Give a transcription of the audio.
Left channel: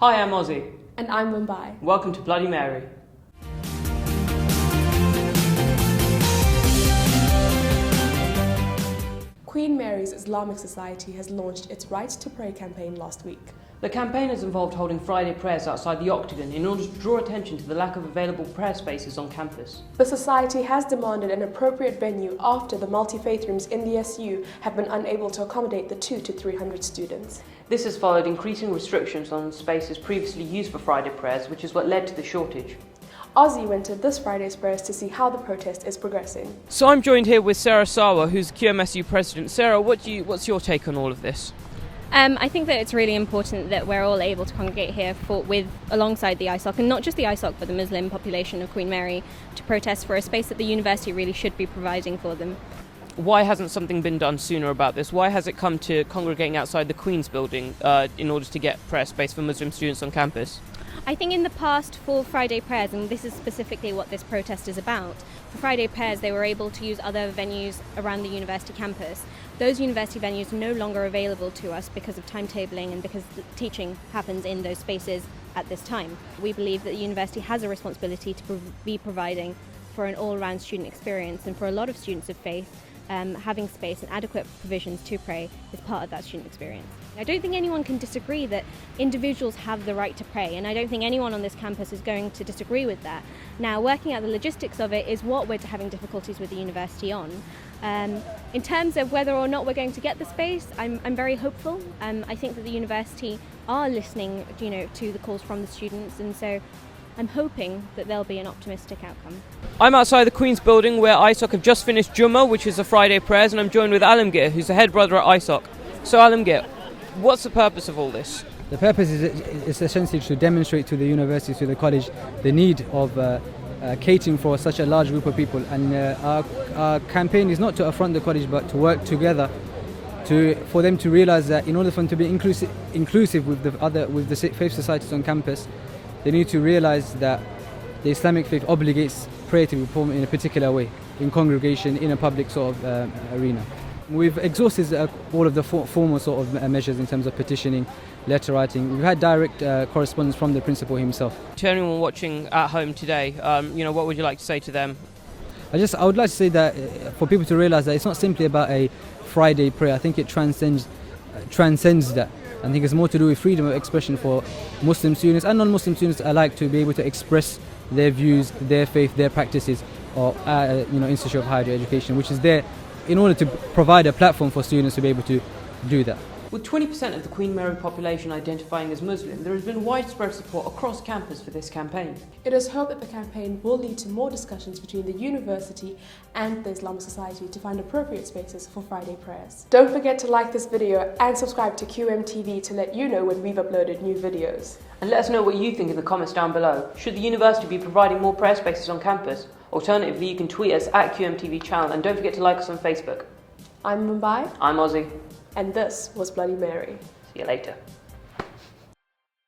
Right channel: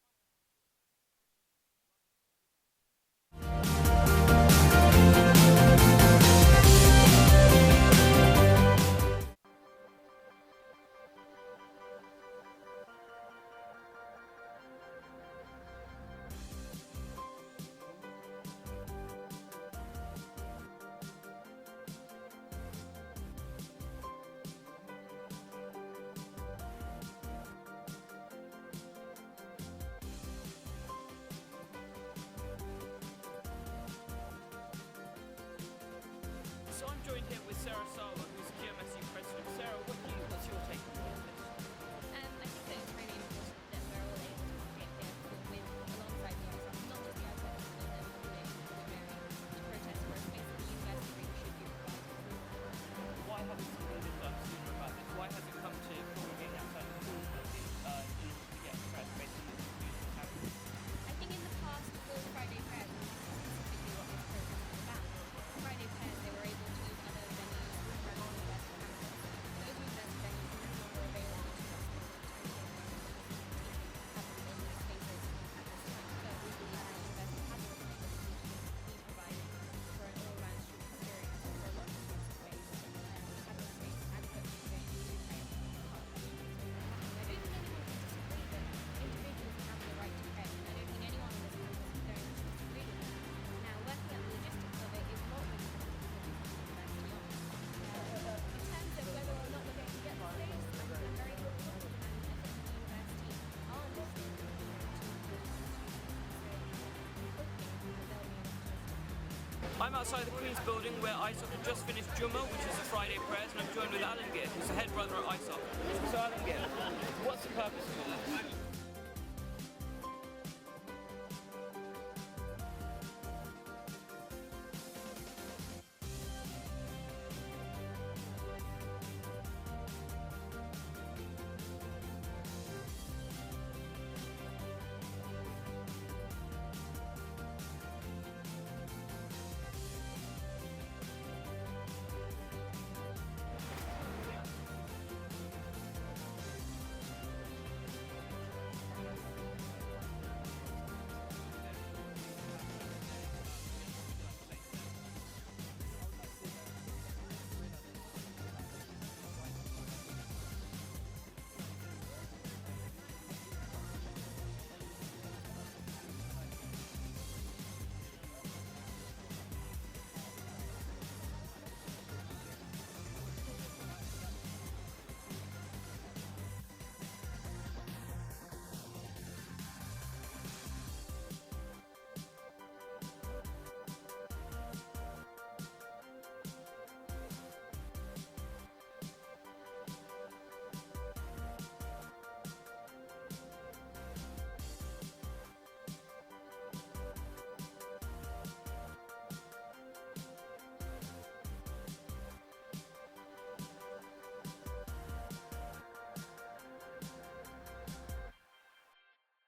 Hi, I'm Ozzy. And I'm Vimbai. Welcome to Bloody Mary. Queen Mary's Islamic Society has launched its Right to Pray campaign last week. The campaign has involved holding Friday prayers outside the Octagon in order to draw attention to the lack of available prayer spaces on campus. The society has demanded an appropriate venue after the multi-faith rooms in the SU have been unable to accommodate the 200 to 300 students. This has followed increasing restrictions on spaces previously used for Friday prayers, which is what led to the shortage. Ozzy went to this Friday's prayers to see how the protest is progressing. So I'm joined here with Sarah Sawa, who's QMSU president. Sarah, what's your take on all of this? I think that it's really important that we're all able to congregate here alongside the ISOC, and not just the ISOC, but the Muslim population of Queen Mary, to protest for a space that the university really should be providing for them. Why hasn't something been done sooner about this? Why has it come to congregating outside the Queen's building in order to get prayer space for Muslim students on campus? I think in the past, for Friday prayers, and this is specifically what this protest is about, for Friday prayers they were able to use other venues around the university campus. Those university venues are no longer available to us because of timetabling and because the teaching happens in those spaces at this time. We believe that the university has a responsibility to be providing for an all-round student experience, and for a lot of students of faith, having space and adequate provisions to pray is part of that student experience. I don't think anyone can disagree that individuals have the right to pray, and I don't think anyone on this campus is going to disagree with that. Now, working out the logistics of it is what we're having difficulties with the university on. In terms of whether or not we're going to get the space, I'm very hopeful. I think that the university are listening, to the calls from the students, and so I'm hoping that there'll be an optimistic outcome. I'm outside the Queen's building where ISOC have just finished Jummah, which is the Friday prayers, and I'm joined with Alamgir, who's the head brother at ISOC. So Alamgir, what's the purpose of all this? The purpose is essentially to demonstrate to the university, to the college, the need of catering for such a large group of people. And our campaign is not to affront the college, but to work together for them to realise that in order for them to be inclusive with the faith societies on campus, they need to realise that the Islamic faith obligates prayer to be performed in a particular way, in congregation, in a public sort of arena. We've exhausted all of the formal sort of measures in terms of petitioning, letter writing. We've had direct correspondence from the principal himself. To anyone watching at home today, what would you like to say to them? I would like to say that for people to realise that it's not simply about a Friday prayer. I think it transcends that. I think it's more to do with freedom of expression for Muslim students and non-Muslim students alike to be able to express their views, their faith, their practices, or Institute of Higher Education, which is there in order to provide a platform for students to be able to do that. With 20% of the Queen Mary population identifying as Muslim, there has been widespread support across campus for this campaign. It is hoped that the campaign will lead to more discussions between the university and the Islamic Society to find appropriate spaces for Friday prayers. Don't forget to like this video and subscribe to QMTV to let you know when we've uploaded new videos. And let us know what you think in the comments down below. Should the university be providing more prayer spaces on campus? Alternatively, you can tweet us at QMTV channel, and don't forget to like us on Facebook. I'm Vimbai. I'm Ozzy. And this was Bloody Mary. See you later.